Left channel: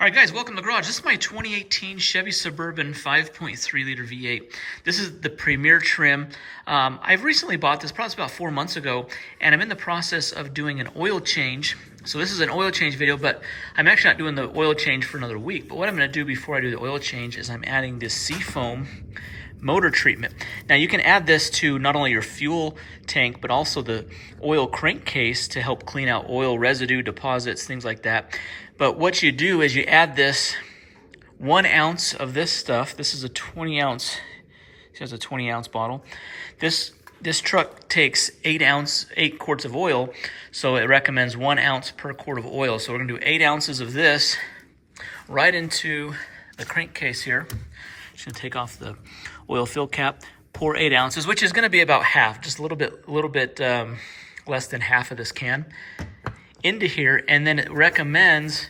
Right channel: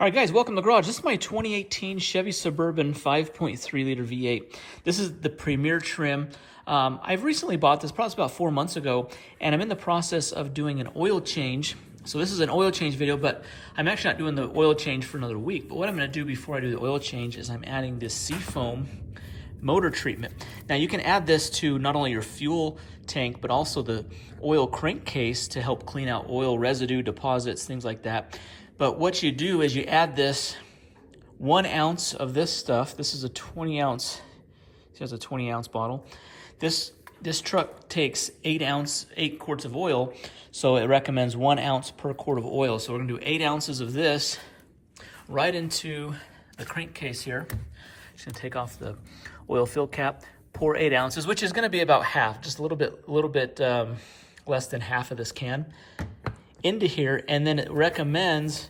All right, guys, welcome to the garage. This is my 2018 Chevy Suburban 5.3 liter V8. This is the premier trim. I've recently bought this, probably about 4 months ago, and I'm in the process of doing an oil change. So this is an oil change video, but I'm actually not doing the oil change for another week. But what I'm gonna do before I do the oil change is I'm adding this Seafoam motor treatment. Now you can add this to not only your fuel tank, but also the oil crankcase to help clean out oil residue deposits, things like that. But what you do is you add this 1 ounce of this stuff. This is a 20 ounce, it has a 20 ounce bottle. This truck takes 8 quarts of oil, so it recommends 1 ounce per quart of oil. So we're gonna do 8 ounces of this right into the crankcase here. Just gonna take off the oil fill cap, pour 8 ounces, which is gonna be about half, just a little bit less than half of this can, into here. And then it recommends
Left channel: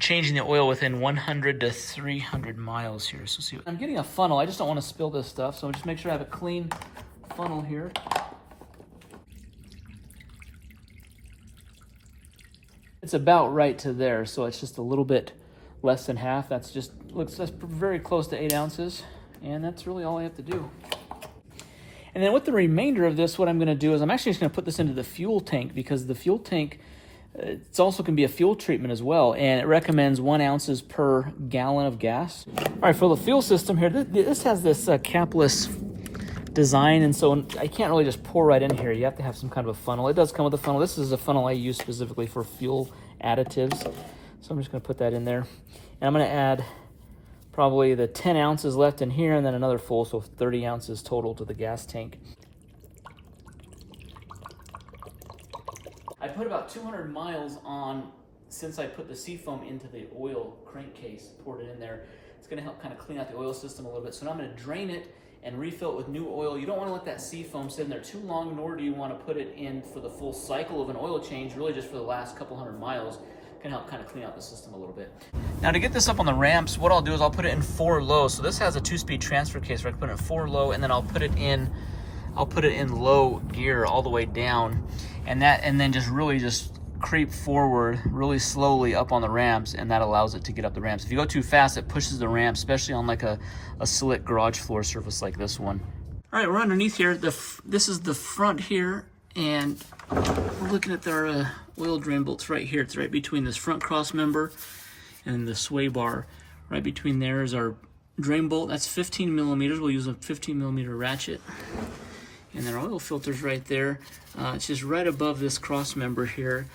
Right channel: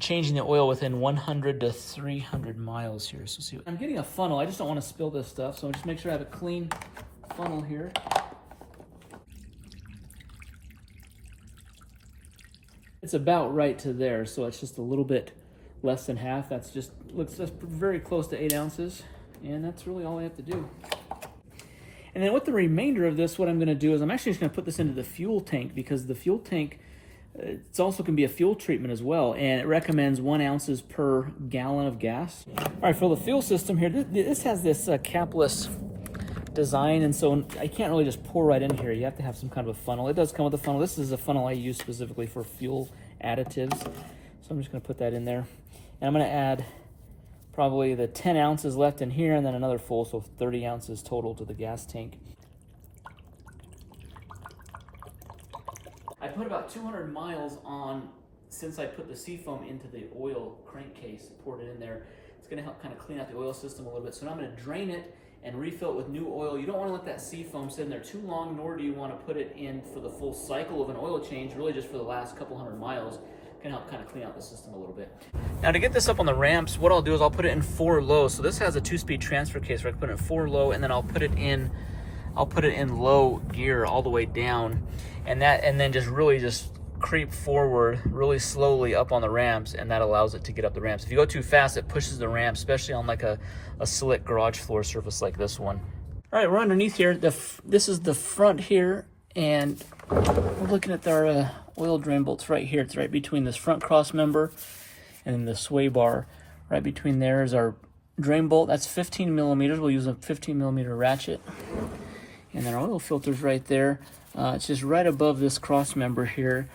changing the oil within 100 to 300 miles here. So see, I'm getting a funnel. I just don't want to spill this stuff, so I'll just make sure I have a clean funnel here. It's about right to there, so it's just a little bit less than half. That's very close to 8 ounces, and that's really all I have to do. And then with the remainder of this, what I'm going to do is I'm actually just going to put this into the fuel tank, because the fuel tank, it's also can be a fuel treatment as well, and it recommends 1 ounces per gallon of gas. All right, for the fuel system here, this has this capless design, and so I can't really just pour right in here. You have to have some kind of a funnel. It does come with a funnel. This is a funnel I use specifically for fuel additives, so I'm just going to put that in there. And I'm going to add probably the 10 ounces left in here, and then another full, so 30 ounces total to the gas tank. I put about 200 miles on since I put the Seafoam into the oil crankcase, poured it in there. It's gonna help kind of clean out the oil system a little bit. So now I'm gonna drain it and refill it with new oil. You don't wanna let that Seafoam sit in there too long, nor do you wanna put it in for the full cycle of an oil change, really just for the last couple hundred miles. Can help kind of clean out the system a little bit. Now to get this up on the ramps, what I'll do is I'll put it in 4 low. So this has a 2-speed transfer case where I can put it in 4 low, and then I'll put it in low gear all the way down, and then just really creep forward really slowly up on the ramps, and that allows it to get up the ramps. If you go too fast, it pushes the ramp, especially on like a slick garage floor surface like this one. All right, we're underneath here. This is the front here, and we're looking at our oil drain bolts right here. It's right between this front cross member and the sway bar. Right between there is our drain bolt. That's 15 millimeters. We'll use a 15 millimeter ratchet. And then our oil filter's right there. It's just right above this cross member here.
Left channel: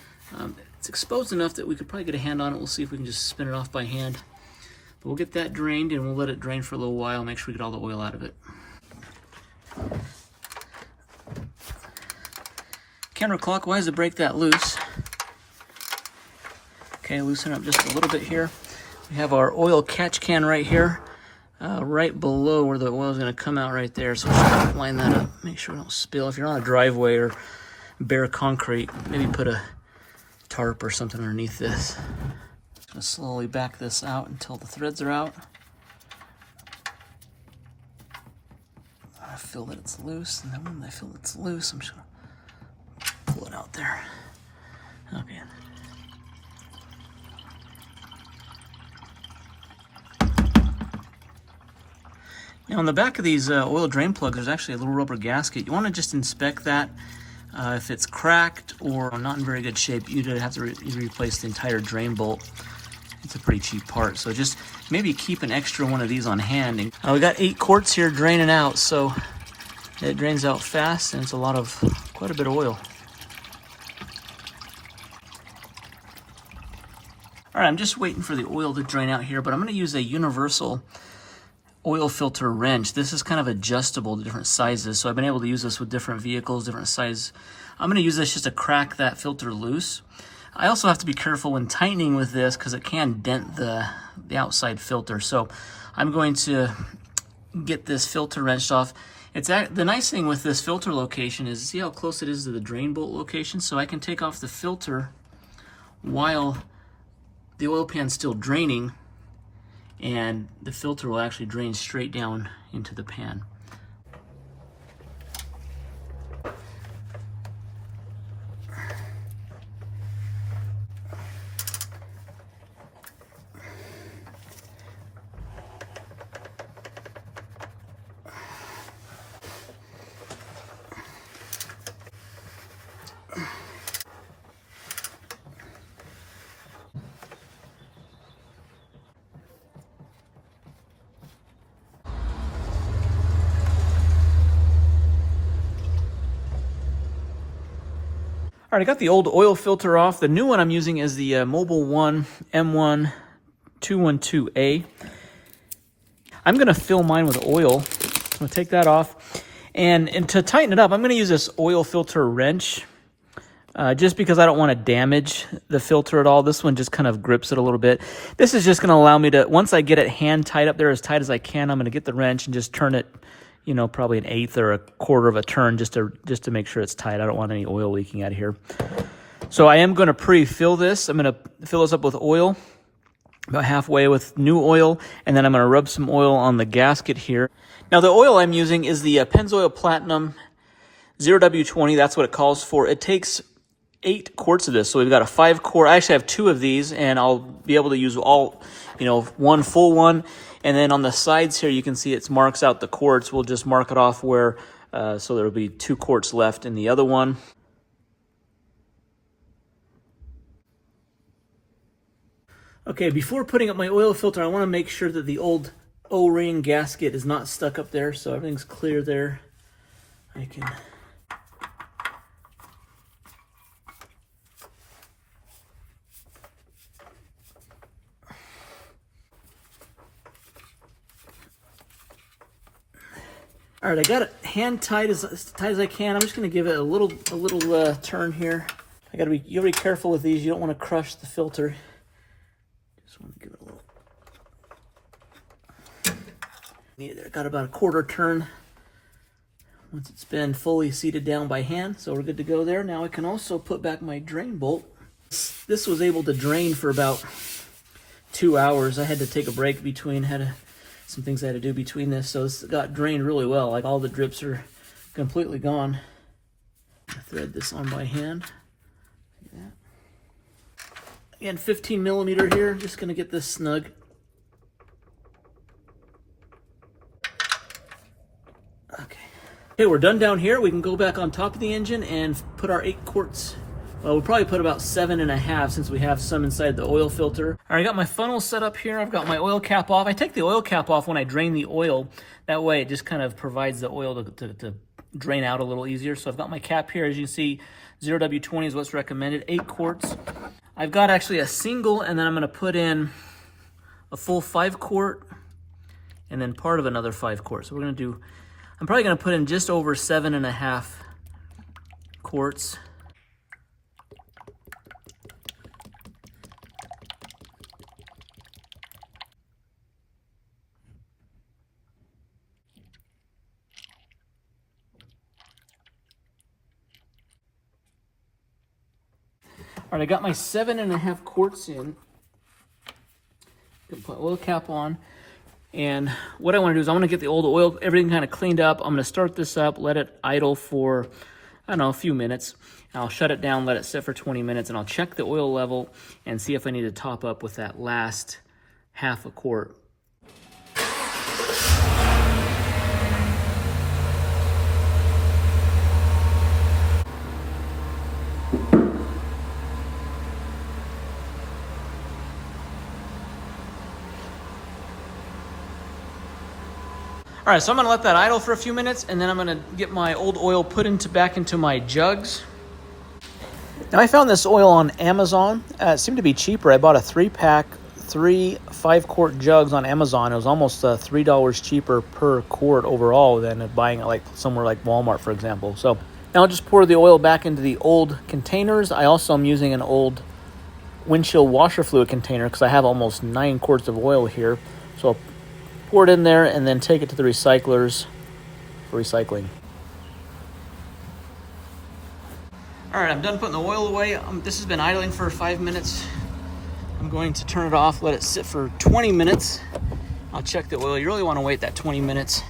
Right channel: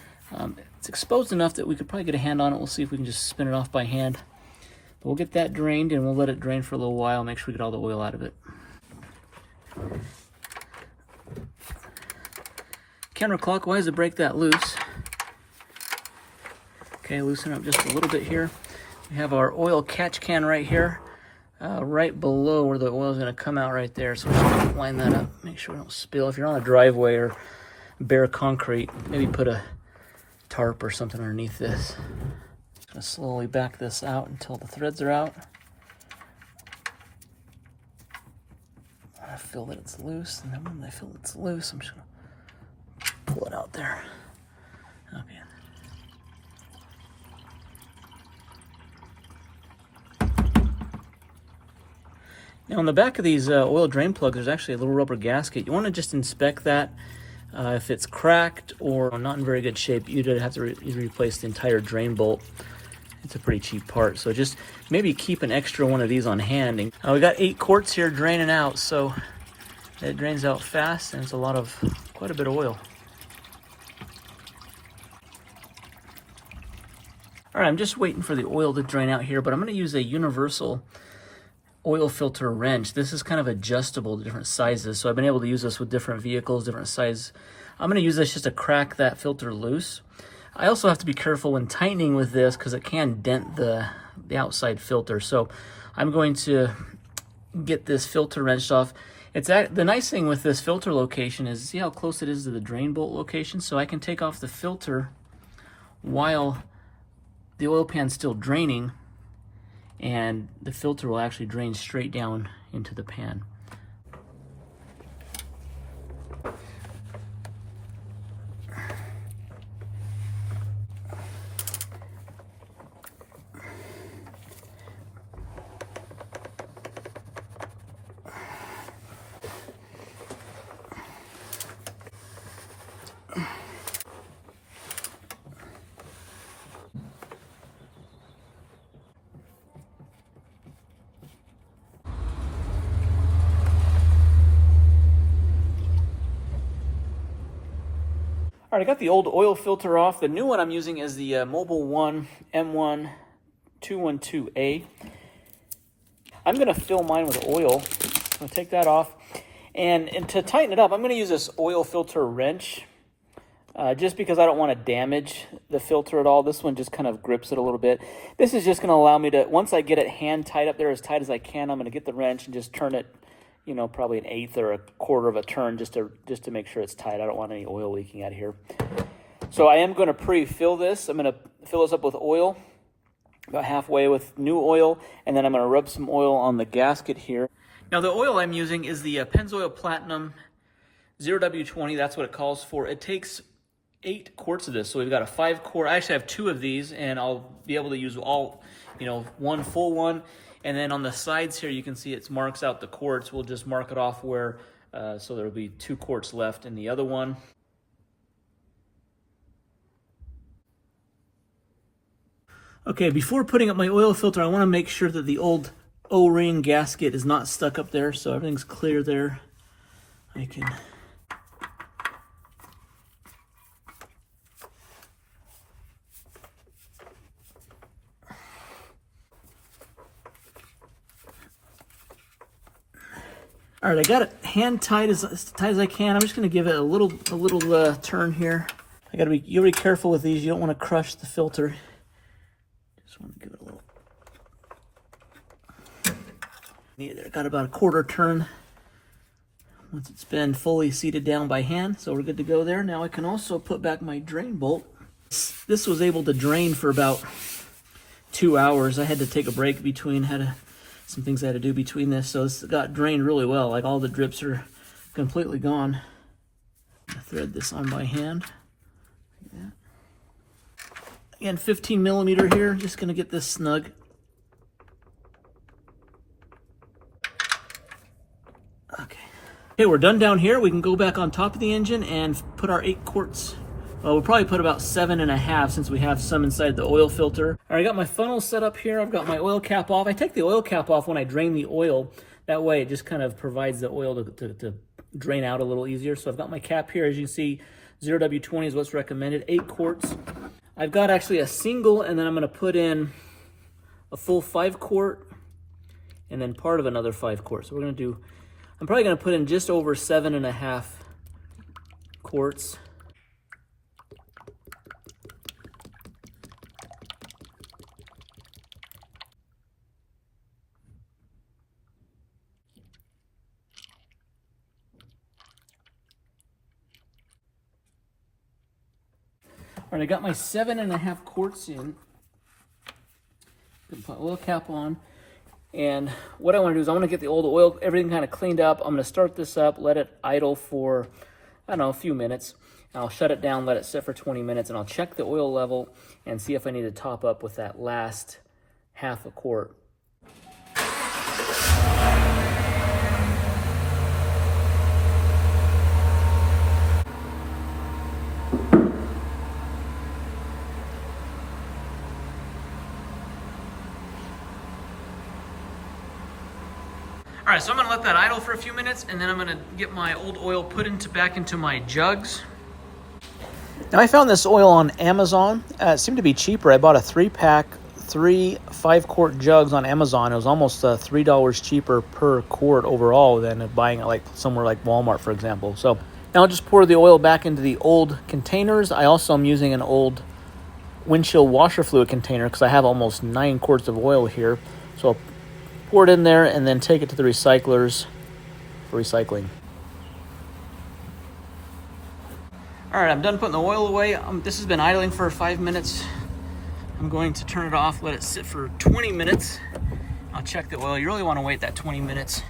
It's exposed enough that we could probably get a hand on it. We'll see if we can just spin it off by hand. But we'll get that drained, and we'll let it drain for a little while, make sure we get all the oil out of it. Counterclockwise to break that loose. Okay, loosen up just a little bit here. We have our oil catch can right here. Right below where the oil is going to come out right there. So we're just going to line that up, make sure we don't spill. If you're on a driveway or bare concrete, maybe put a tarp or something underneath this. Just going to slowly back this out until the threads are out. I feel that it's loose, and then when I feel it's loose, I'm just going to pull it out there. Okay. Now on the back of these oil drain plugs, there's actually a little rubber gasket. You want to just inspect that. If it's cracked or not in very good shape, you'd have to replace the entire drain bolt. It's a pretty cheap part, so just maybe keep an extra one of these on hand. And we got 8 quarts here draining out, so it drains out fast, and it's quite a bit of oil. All right, I'm just waiting for the oil to drain out here, but I'm going to use a universal oil filter wrench. This is kind of adjustable to different sizes, so I've been able to use this with different vehicles, different sizes. I'm going to use this just to crack that filter loose. I also have to be careful when tightening with this, because it can dent the outside filter. So I'm going to get this filter wrenched off. The nice thing with this filter location is, see how close it is to the drain bolt location? So I can take off the filter while the oil pan's still draining, and the filter will actually drain straight down into the pan. All right, I got the old oil filter off. The new one I'm using is the Mobile One M1 212A. I'm gonna fill mine with oil. I'm gonna take that off. And to tighten it up, I'm gonna use this oil filter wrench. Just because I don't want to damage the filter at all. This one just kind of grips it a little bit. This is just going to allow me to, once I get it hand tight up there as tight as I can, I'm going to get the wrench and just turn it, you know, probably an eighth or a quarter of a turn just to make sure it's tight. I don't want any oil leaking out of here. So I am going to pre-fill this. I'm going to fill this up with oil, about halfway with new oil, and then I'm going to rub some oil on the gasket here. Now the oil I'm using is the Pennzoil Platinum 0W20. That's what it calls for. It takes 8 quarts of this, so we've got a 5-quart. I actually have 2 of these, and I'll be able to use all, you know, one full one. And then on the sides here, you can see it marks out the quarts. We'll just mark it off where, so there'll be 2 quarts left in the other one. Okay, before putting up my oil filter, I want to make sure that the old O-ring gasket is not stuck up there, so everything's clear there. I can All right, I got it hand tight as tight as I can. I'm just going to give it a little turn here. You gotta be careful with these. You don't want to crush the filter. Just want to give it a little. Need it. Got about a quarter turn. Once it's been fully seated down by hand, so we're good to go there. Now I can also put back my drain bolt. This was able to drain for about 2 hours. I had to take a break between. Some things I had to do between this, so this got drained really well. Like all the drips are completely gone. I thread this on by hand. Like that. Again, 15 millimeter here. Just gonna get this snug. Okay, we're done down here. We can go back on top of the engine and put our 8 quarts. Well, we'll probably put about 7.5 since we have some inside the oil filter. All right, I got my funnel set up here. I've got my oil cap off. I take the oil cap off when I drain the oil. That way it just kind of provides the oil to drain out a little easier. So I've got my cap here. As you can see, 0W20 is what's recommended, 8 quarts. I've got actually a single, and then I'm gonna put in a full 5 quart and then part of another 5 quart. So we're gonna do, I'm probably gonna put in just over 7.5 quarts. All right, I got my 7.5 quarts in. Put oil cap on. And what I want to do is I want to get the old oil, everything kind of cleaned up. I'm going to start this up, let it idle for, I don't know, a few minutes. And I'll shut it down, let it sit for 20 minutes, and I'll check the oil level and see if I need to top up with that last half a quart. All right, so I'm gonna let that idle for a few minutes, and then I'm gonna get my old oil put back into my jugs. Now I found this oil on Amazon. It seemed to be cheaper. I bought a 3-pack, 3 5-quart jugs on Amazon. It was almost $3 cheaper per quart overall than buying it like somewhere like Walmart, for example. So now I'll just pour the oil back into the old containers. I also am using an old windshield washer fluid container because I have almost 9 quarts of oil here. So I'll pour it in there and then take it to the recyclers for recycling. All right, I'm done putting the oil away. This has been idling for 5 minutes. I'm going to turn it off, let it sit for 20 minutes. I'll check the oil. You really want to wait that 20 minutes.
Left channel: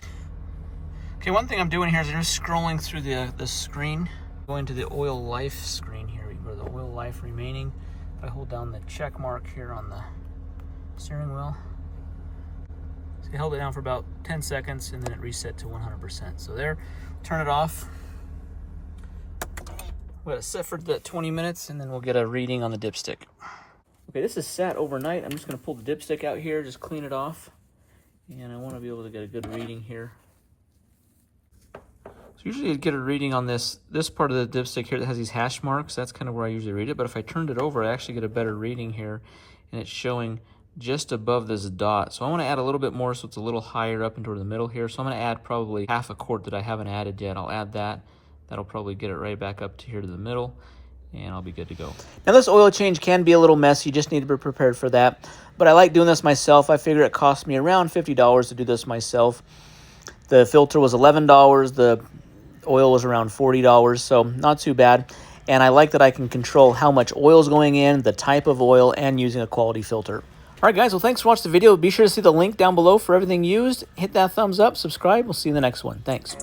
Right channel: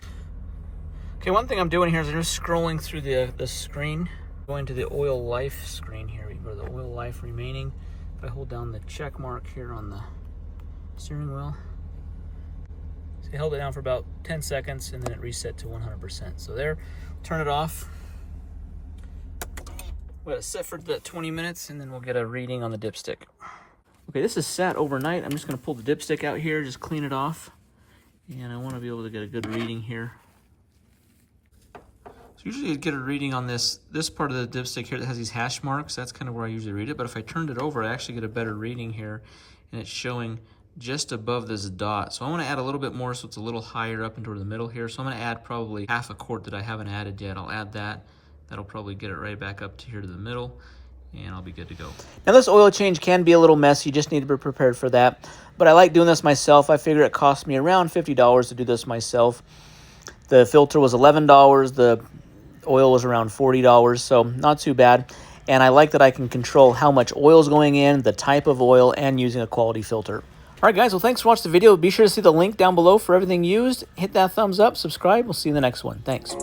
Okay, one thing I'm doing here is I'm just scrolling through the screen. Going to the oil life screen here. We go to the oil life remaining. If I hold down the check mark here on the steering wheel. So I held it down for about 10 seconds and then it reset to 100%. So there, turn it off. Let it sit for the 20 minutes and then we'll get a reading on the dipstick. Okay, this is sat overnight. I'm just gonna pull the dipstick out here, just clean it off. And I wanna be able to get a good reading here. So Usually you'd get a reading on this part of the dipstick here that has these hash marks. That's kind of where I usually read it. But if I turned it over, I actually get a better reading here. And it's showing just above this dot. So I want to add a little bit more so it's a little higher up into the middle here. So I'm going to add probably half a quart that I haven't added yet. I'll add that. That'll probably get it right back up to here to the middle. And I'll be good to go. Now this oil change can be a little messy. You just need to be prepared for that. But I like doing this myself. I figure it cost me around $50 to do this myself. The filter was $11. The oil was around $40, so not too bad. And I like that I can control how much oil is going in, the type of oil, and using a quality filter. All right, guys, well, thanks for watching the video. Be sure to see the link down below for everything used. Hit that thumbs up, subscribe. We'll see you in the next one. Thanks.